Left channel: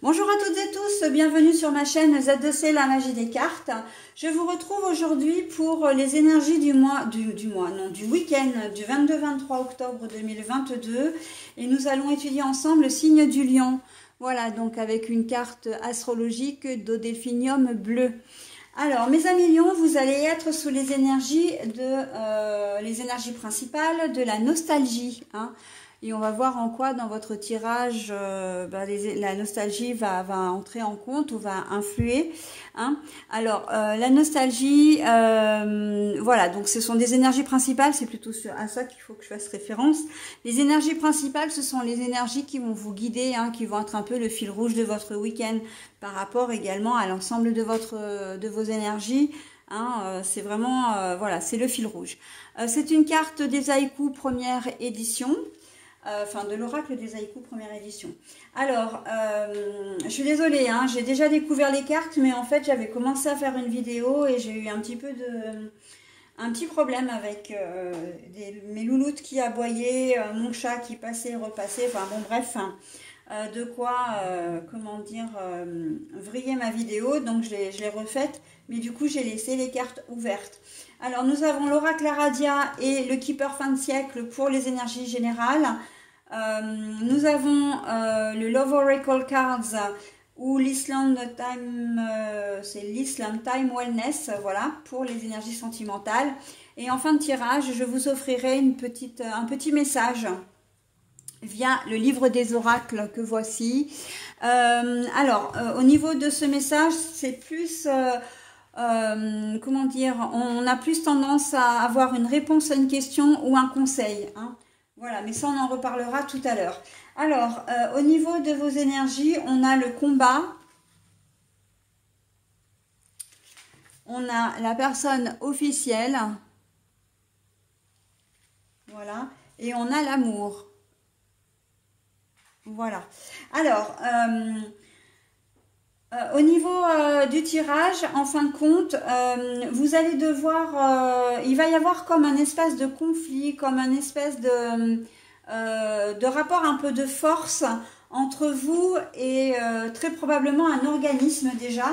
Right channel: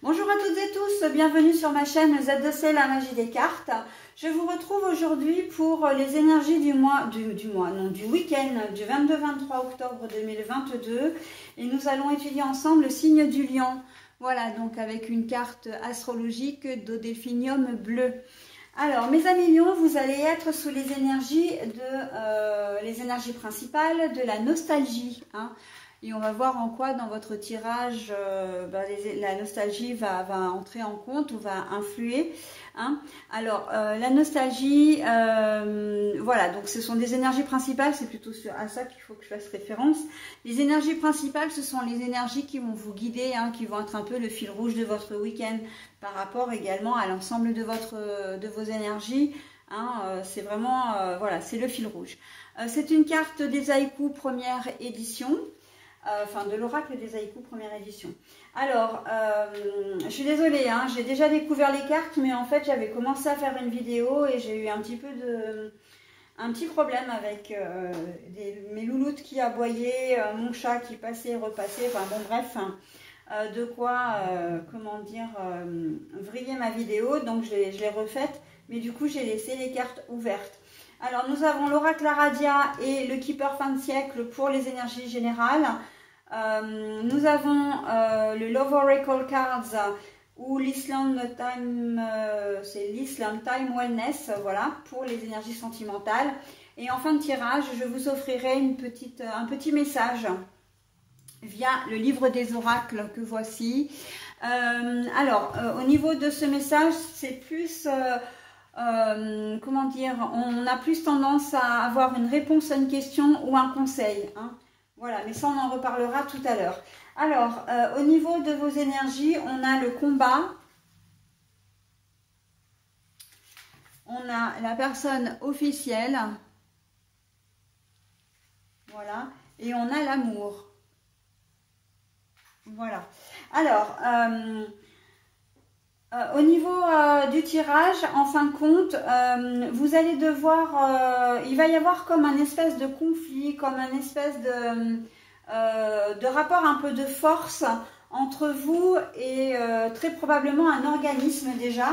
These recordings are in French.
Bonjour à toutes et tous, bienvenue sur ma chaîne Z2C, la magie des cartes. Je vous retrouve aujourd'hui pour les énergies du week-end du 22-23 octobre 2022 et nous allons étudier ensemble le signe du lion. Voilà, donc avec une carte astrologique d'Odelphinium bleu. Alors, mes amis lions, vous allez être sous les énergies principales de la nostalgie, hein. Et on va voir en quoi dans votre tirage la nostalgie va entrer en compte ou va influer, hein. Alors la nostalgie, voilà, donc ce sont des énergies principales, c'est plutôt à ça qu'il faut que je fasse référence. Les énergies principales, ce sont les énergies qui vont vous guider, hein, qui vont être un peu le fil rouge de votre week-end par rapport également à l'ensemble de vos énergies, hein. C'est vraiment, voilà, c'est le fil rouge. C'est une carte des haïkus première édition. Enfin, de l'oracle des haïkus première édition. Alors, je suis désolée, hein, j'ai déjà découvert les cartes, mais en fait, j'avais commencé à faire une vidéo et j'ai eu un petit problème avec mes louloutes qui aboyaient, mon chat qui passait et repassait, enfin bon, bref, de quoi, comment dire, vriller ma vidéo, donc je l'ai refaite, mais du coup, j'ai laissé les cartes ouvertes. Alors, nous avons l'oracle Aradia et le Keeper fin de siècle pour les énergies générales. Nous avons le Love Oracle Cards ou l'Island Time, c'est l'Island Time Wellness, voilà, pour les énergies sentimentales. Et en fin de tirage, je vous offrirai un petit message via le livre des oracles que voici. Alors, au niveau de ce message, c'est plus... comment dire, on a plus tendance à avoir une réponse à une question ou un conseil, hein. Voilà, mais ça on en reparlera tout à l'heure. Alors, au niveau de vos énergies, on a le combat, on a la personne officielle, voilà, et on a l'amour. Voilà. Alors, au niveau du tirage, en fin de compte, vous allez devoir, il va y avoir comme un espèce de conflit, comme un espèce de rapport un peu de force entre vous et très probablement un organisme déjà.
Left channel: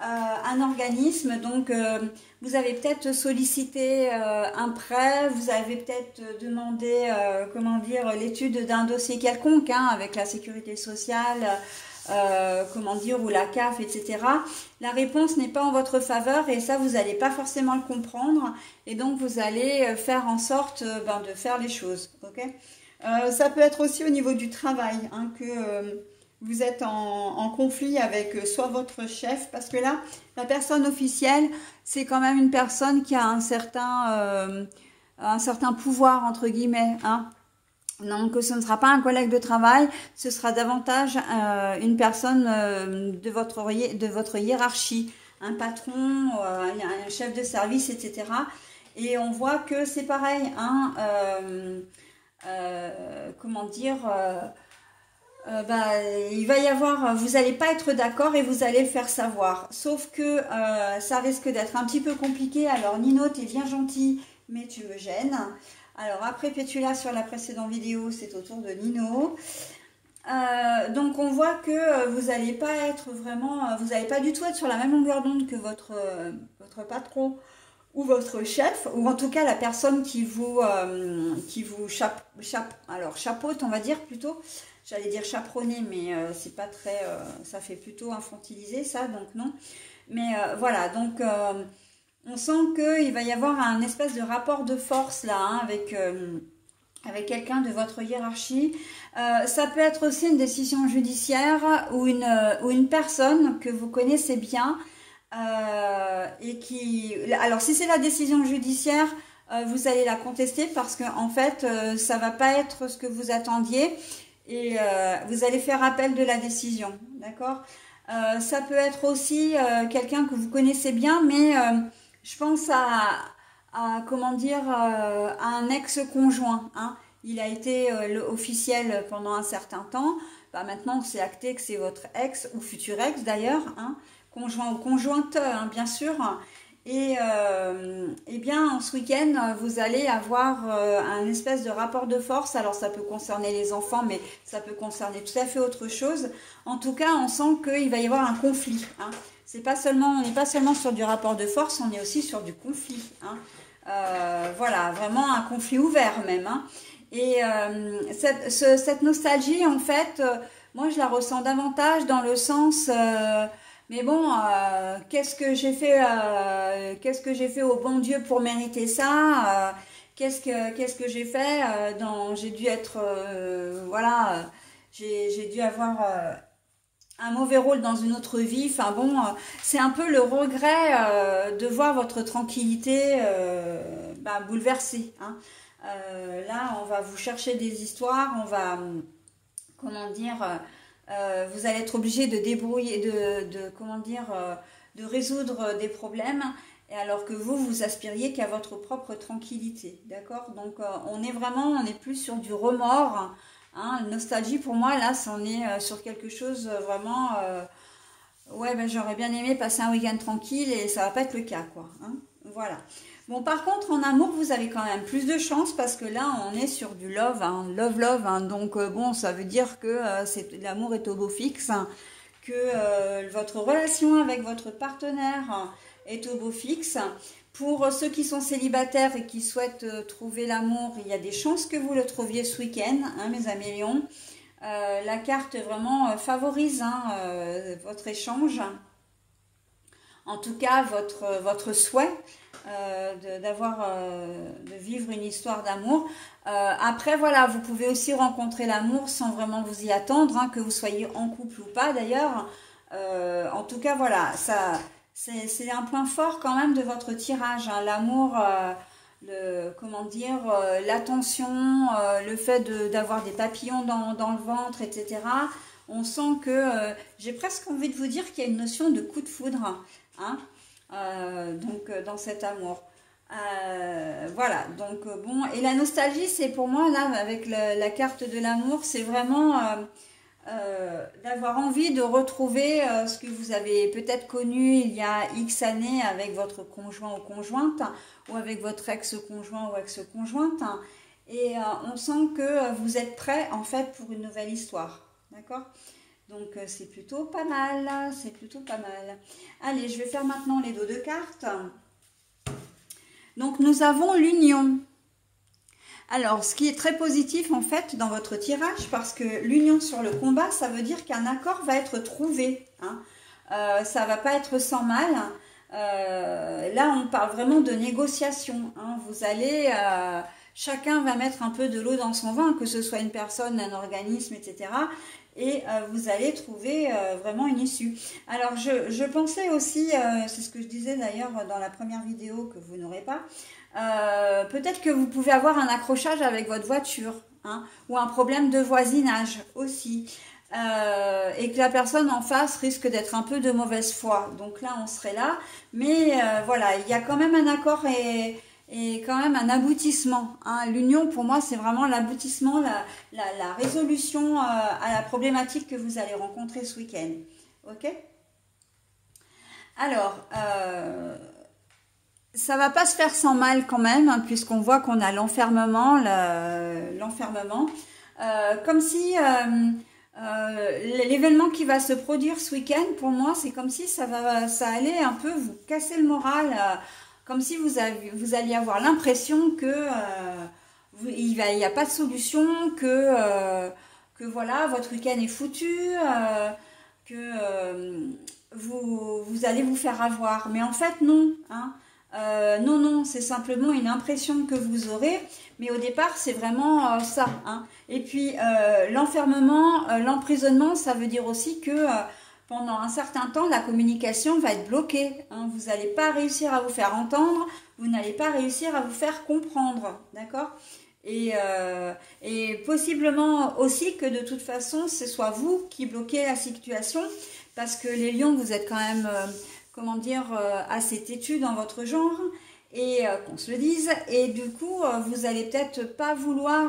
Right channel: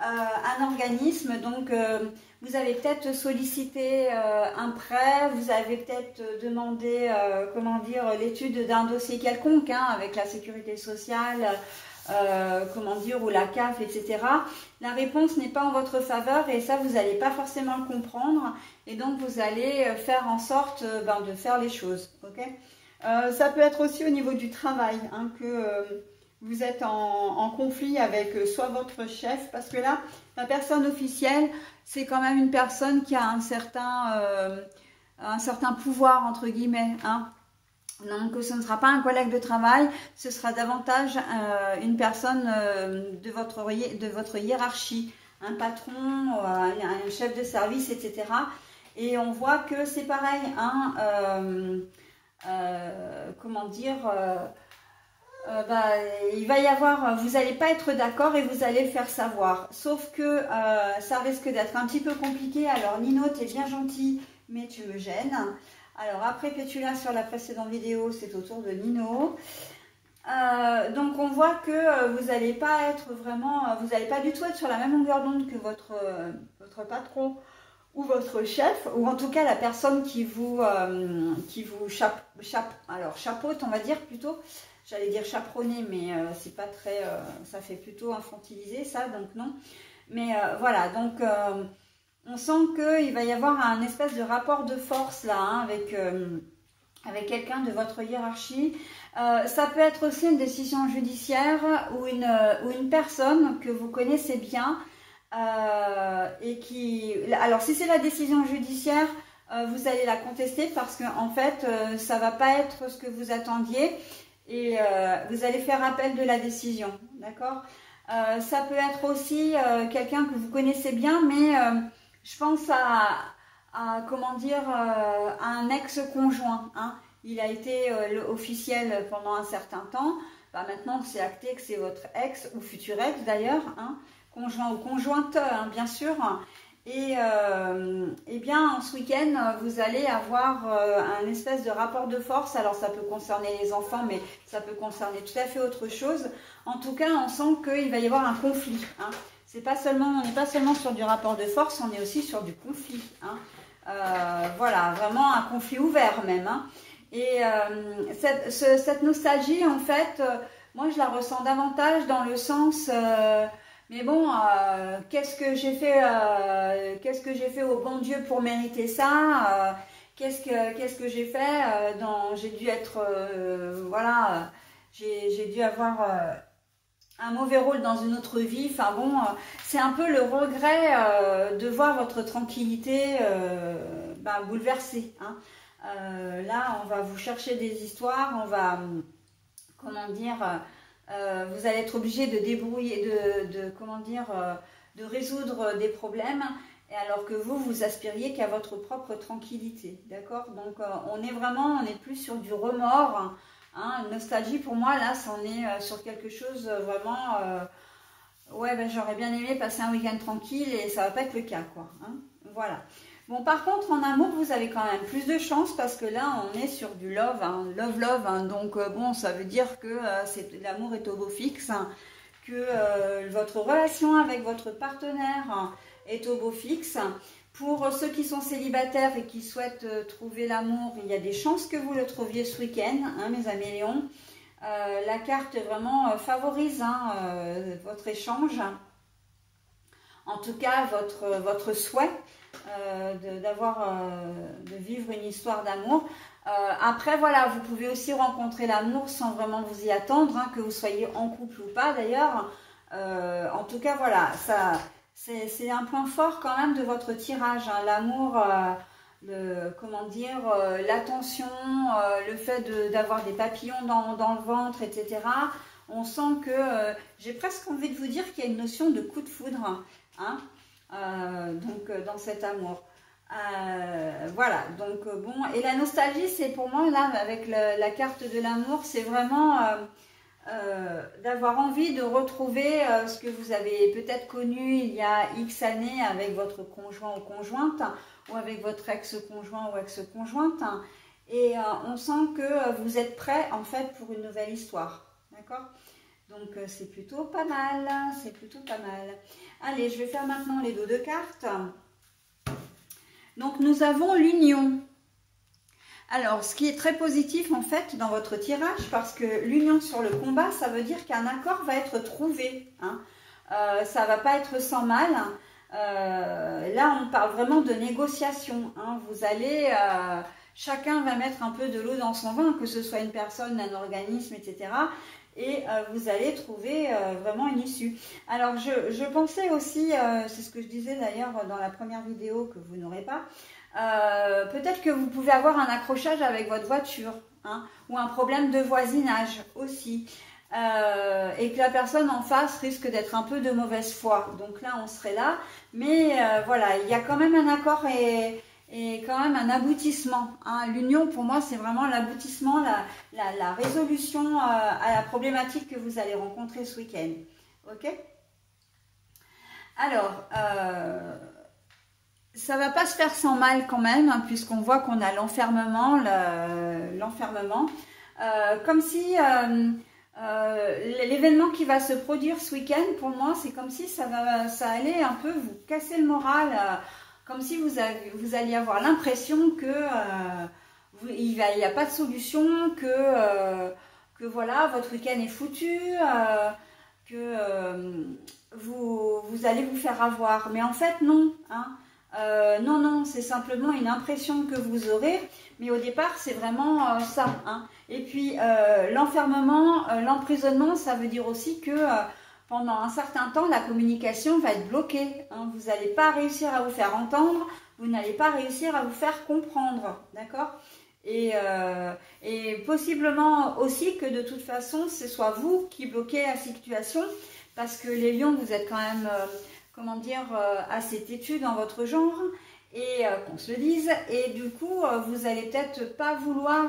Un organisme, donc vous avez peut-être sollicité un prêt, vous avez peut-être demandé, comment dire, l'étude d'un dossier quelconque, hein, avec la sécurité sociale, comment dire, ou la CAF, etc. La réponse n'est pas en votre faveur et ça, vous n'allez pas forcément le comprendre et donc vous allez faire en sorte de faire les choses. Okay, ça peut être aussi au niveau du travail, hein, que vous êtes en conflit avec soit votre chef, parce que là, la personne officielle, c'est quand même une personne qui a un certain pouvoir, entre guillemets, hein. Donc, ce ne sera pas un collègue de travail, ce sera davantage une personne de votre hiérarchie, un patron, un chef de service, etc. Et on voit que c'est pareil, hein, comment dire, il va y avoir, vous n'allez pas être d'accord et vous allez le faire savoir. Sauf que ça risque d'être un petit peu compliqué. Alors, Nino, tu es bien gentil, mais tu me gênes. Alors après Pétula sur la précédente vidéo, c'est au tour de Nino. Donc on voit que vous n'allez pas être vraiment, vous n'allez pas du tout être sur la même longueur d'onde que votre patron ou votre chef, ou en tout cas la personne qui vous chapeaute, on va dire plutôt. J'allais dire chaperonner, mais c'est pas très, ça fait plutôt infantilisé ça, donc non. Mais voilà, donc on sent qu'il va y avoir un espèce de rapport de force là, hein, avec quelqu'un de votre hiérarchie. Ça peut être aussi une décision judiciaire ou une personne que vous connaissez bien et qui... Alors si c'est la décision judiciaire, vous allez la contester parce que en fait, ça va pas être ce que vous attendiez et vous allez faire appel de la décision, d'accord? Ça peut être aussi quelqu'un que vous connaissez bien, mais... je pense comment dire, à un ex-conjoint, hein. Il a été officiel pendant un certain temps. Maintenant, c'est acté que c'est votre ex ou futur ex d'ailleurs, hein, conjoint ou conjointe, hein, bien sûr. Et bien, ce week-end, vous allez avoir un espèce de rapport de force. Alors, ça peut concerner les enfants, mais ça peut concerner tout à fait autre chose. En tout cas, on sent qu'il va y avoir un conflit. Hein. On n'est pas seulement sur du rapport de force, on est aussi sur du conflit. Hein. Voilà, vraiment un conflit ouvert même. Hein. Et cette nostalgie, en fait, moi, je la ressens davantage dans le sens... mais bon, qu'est-ce que j'ai fait au bon Dieu pour mériter ça? Qu'est-ce que j'ai fait? J'ai dû être, voilà, j'ai dû avoir un mauvais rôle dans une autre vie. Enfin bon, c'est un peu le regret de voir votre tranquillité bouleversée. Hein. Là, on va vous chercher des histoires, on va, comment dire... vous allez être obligé de débrouiller, de résoudre des problèmes, et alors que vous aspiriez qu'à votre propre tranquillité, d'accord? Donc on est plus sur du remords, hein, nostalgie pour moi, là, c'en est sur quelque chose vraiment, ouais, ben, j'aurais bien aimé passer un week-end tranquille, et ça va pas être le cas, quoi, hein, voilà. Bon, par contre, en amour, vous avez quand même plus de chance parce que là, on est sur du love, hein, love, hein, donc bon, ça veut dire que l'amour est au beau fixe, hein, que votre relation avec votre partenaire est au beau fixe. Pour ceux qui sont célibataires et qui souhaitent trouver l'amour, il y a des chances que vous le trouviez ce week-end, hein, mes amis Lions. La carte vraiment favorise hein, votre échange, en tout cas votre souhait. De vivre une histoire d'amour. Après, voilà, vous pouvez aussi rencontrer l'amour sans vraiment vous y attendre, hein, que vous soyez en couple ou pas d'ailleurs. En tout cas, voilà, c'est un point fort quand même de votre tirage. Hein, l'amour, l'attention, le fait d'avoir des papillons dans le ventre, etc. On sent que j'ai presque envie de vous dire qu'il y a une notion de coup de foudre. Hein, dans cet amour. Voilà, donc bon, et la nostalgie, c'est pour moi, là, avec la carte de l'amour, c'est vraiment d'avoir envie de retrouver ce que vous avez peut-être connu il y a X années avec votre conjoint ou conjointe, ou avec votre ex-conjoint ou ex-conjointe, hein, et on sent que vous êtes prêt, en fait, pour une nouvelle histoire, d'accord ? Donc, c'est plutôt pas mal, c'est plutôt pas mal. Allez, je vais faire maintenant les dos de cartes. Donc, nous avons l'union. Alors, ce qui est très positif, en fait, dans votre tirage, parce que l'union sur le combat, ça veut dire qu'un accord va être trouvé. Hein. Ça va pas être sans mal. Là, on parle vraiment de négociation. Hein. Vous allez... chacun va mettre un peu de l'eau dans son vin, que ce soit une personne, un organisme, etc., et vous allez trouver vraiment une issue. Alors, je pensais aussi, c'est ce que je disais d'ailleurs dans la première vidéo que vous n'aurez pas, peut-être que vous pouvez avoir un accrochage avec votre voiture, hein, ou un problème de voisinage aussi, et que la personne en face risque d'être un peu de mauvaise foi. Donc là, on serait là, mais voilà, il y a quand même un accord et quand même un aboutissement. Hein. L'union, pour moi, c'est vraiment l'aboutissement, la résolution à la problématique que vous allez rencontrer ce week-end. Ok? Alors, ça va pas se faire sans mal quand même, hein, puisqu'on voit qu'on a l'enfermement, comme si l'événement qui va se produire ce week-end, pour moi, c'est comme si ça allait un peu vous casser le moral, comme si vous alliez avoir l'impression que il n'y a pas de solution, que voilà, votre week-end est foutu, que vous allez vous faire avoir. Mais en fait, non. Hein. Non, c'est simplement une impression que vous aurez. Mais au départ, c'est vraiment ça. Hein. Et puis, l'enfermement, l'emprisonnement, ça veut dire aussi que... pendant un certain temps, la communication va être bloquée. Hein. Vous n'allez pas réussir à vous faire entendre, vous n'allez pas réussir à vous faire comprendre, d'accord ? Et possiblement aussi que de toute façon, ce soit vous qui bloquez la situation, parce que les lions, vous êtes quand même, comment dire, assez têtus dans votre genre, et qu'on se le dise, et du coup, vous n'allez peut-être pas vouloir,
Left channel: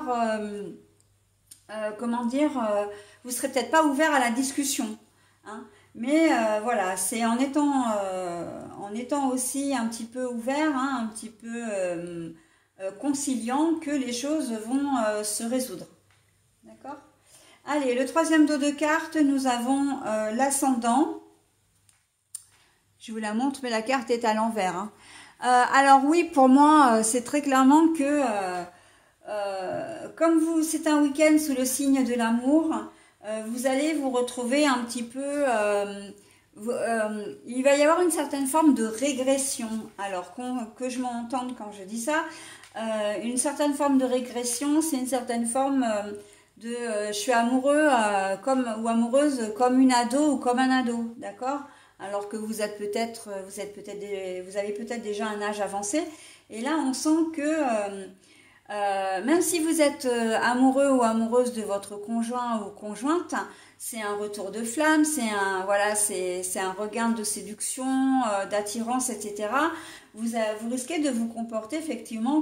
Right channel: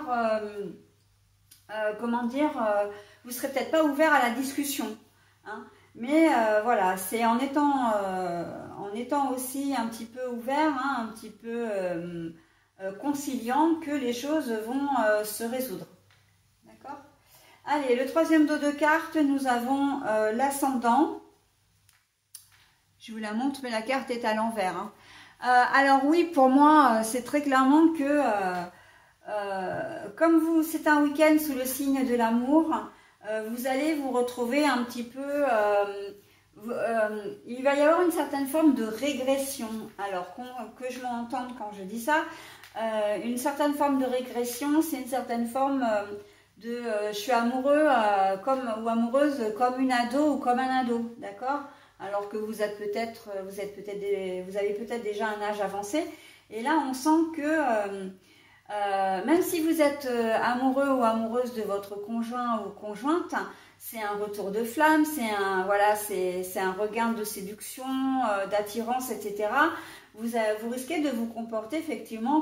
comment dire, vous ne serez peut-être pas ouvert à la discussion. Hein. Mais voilà, c'est en étant aussi un petit peu ouvert, hein, un petit peu conciliant que les choses vont se résoudre. D'accord? Allez, le troisième dos de cartes, nous avons l'ascendant. Je vous la montre, mais la carte est à l'envers. Hein. Alors oui, pour moi, c'est très clairement que comme c'est un week-end sous le signe de l'amour, vous allez vous retrouver un petit peu... il va y avoir une certaine forme de régression. Alors que je m'entende quand je dis ça, une certaine forme de régression, c'est une certaine forme de je suis amoureux ou amoureuse comme une ado ou comme un ado, d'accord? Alors que vous avez peut-être déjà un âge avancé. Et là, on sent que même si vous êtes amoureux ou amoureuse de votre conjoint ou conjointe, c'est un retour de flamme, c'est un regain de séduction, d'attirance, etc. Vous risquez de vous comporter effectivement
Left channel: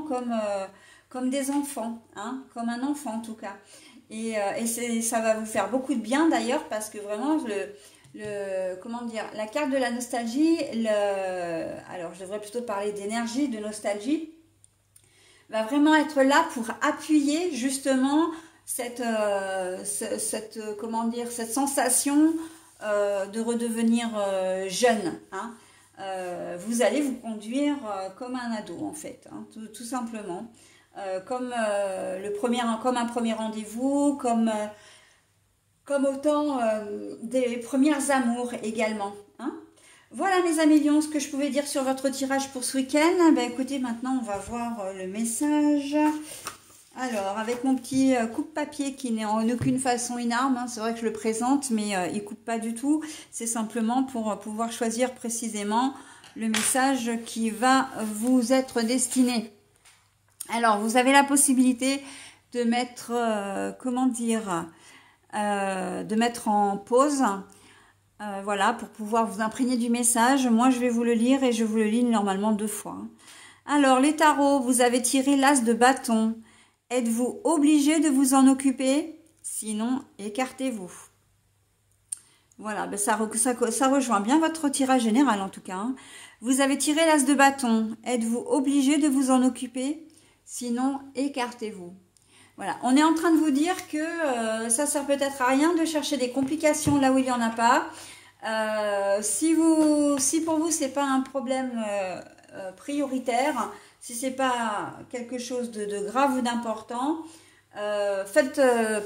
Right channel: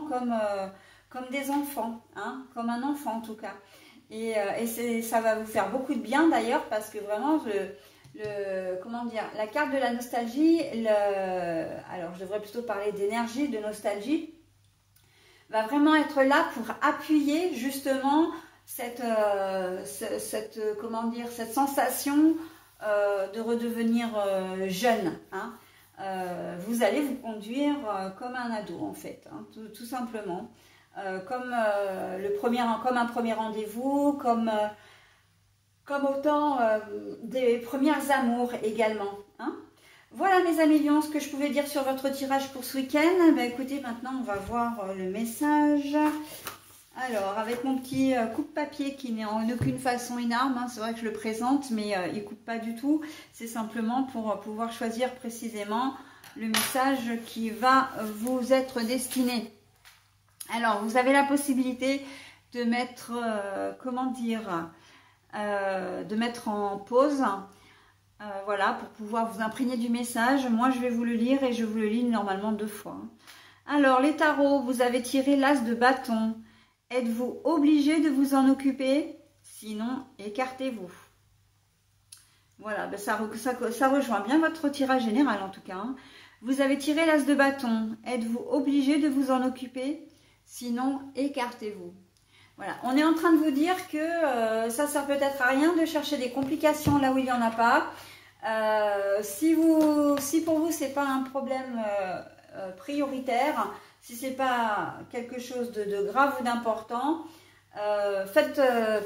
comme des enfants, hein, comme un enfant en tout cas. Et ça va vous faire beaucoup de bien d'ailleurs parce que vraiment comment dire, la carte de la nostalgie, alors je devrais plutôt parler d'énergie, de nostalgie, va vraiment être là pour appuyer justement cette sensation de redevenir jeune. Hein. Vous allez vous conduire comme un ado en fait, hein, tout simplement. Comme un premier rendez-vous, comme autant des premières amours également. Hein. Voilà mes amis lions, ce que je pouvais dire sur votre tirage pour ce week-end. Ben, écoutez, maintenant on va voir le message. Alors, avec mon petit coupe-papier qui n'est en aucune façon une arme, hein, c'est vrai que je le présente, mais il ne coupe pas du tout. C'est simplement pour pouvoir choisir précisément le message qui va vous être destiné. Alors, vous avez la possibilité de mettre, de mettre en pause, voilà, pour pouvoir vous imprégner du message. Moi, je vais vous le lire et je vous le lis normalement 2 fois. Alors, les tarots, vous avez tiré l'as de bâton. Êtes-vous obligé de vous en occuper? Sinon, écartez-vous. Voilà, ben ça rejoint bien votre tirage général en tout cas. Hein. Vous avez tiré l'as de bâton. Êtes-vous obligé de vous en occuper? Sinon, écartez-vous. Voilà, on est en train de vous dire que ça sert peut-être à rien de chercher des complications là où il n'y en a pas. Si pour vous, c'est pas un problème prioritaire, si c'est pas quelque chose de grave ou d'important,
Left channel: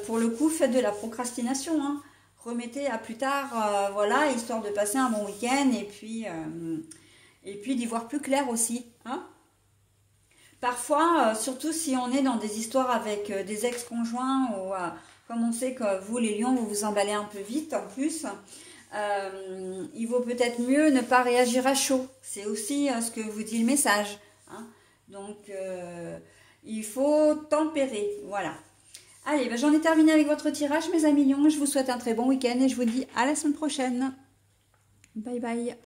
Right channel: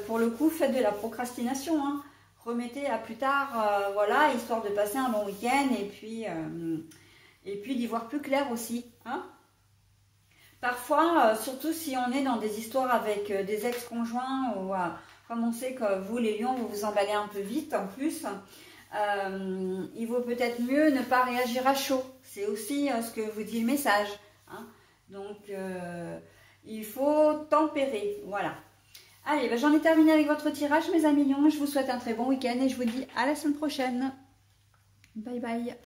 pour le coup, faites de la procrastination. Hein. Remettez à plus tard, voilà, histoire de passer un bon week-end et puis d'y voir plus clair aussi. Hein. Parfois, surtout si on est dans des histoires avec des ex-conjoints ou comme on sait que vous, les lions, vous vous emballez un peu vite en plus, il vaut peut-être mieux ne pas réagir à chaud. C'est aussi ce que vous dit le message. Hein. Donc, il faut tempérer. Voilà. Allez, ben, j'en ai terminé avec votre tirage, mes amis lions. Je vous souhaite un très bon week-end et je vous dis à la semaine prochaine. Bye bye.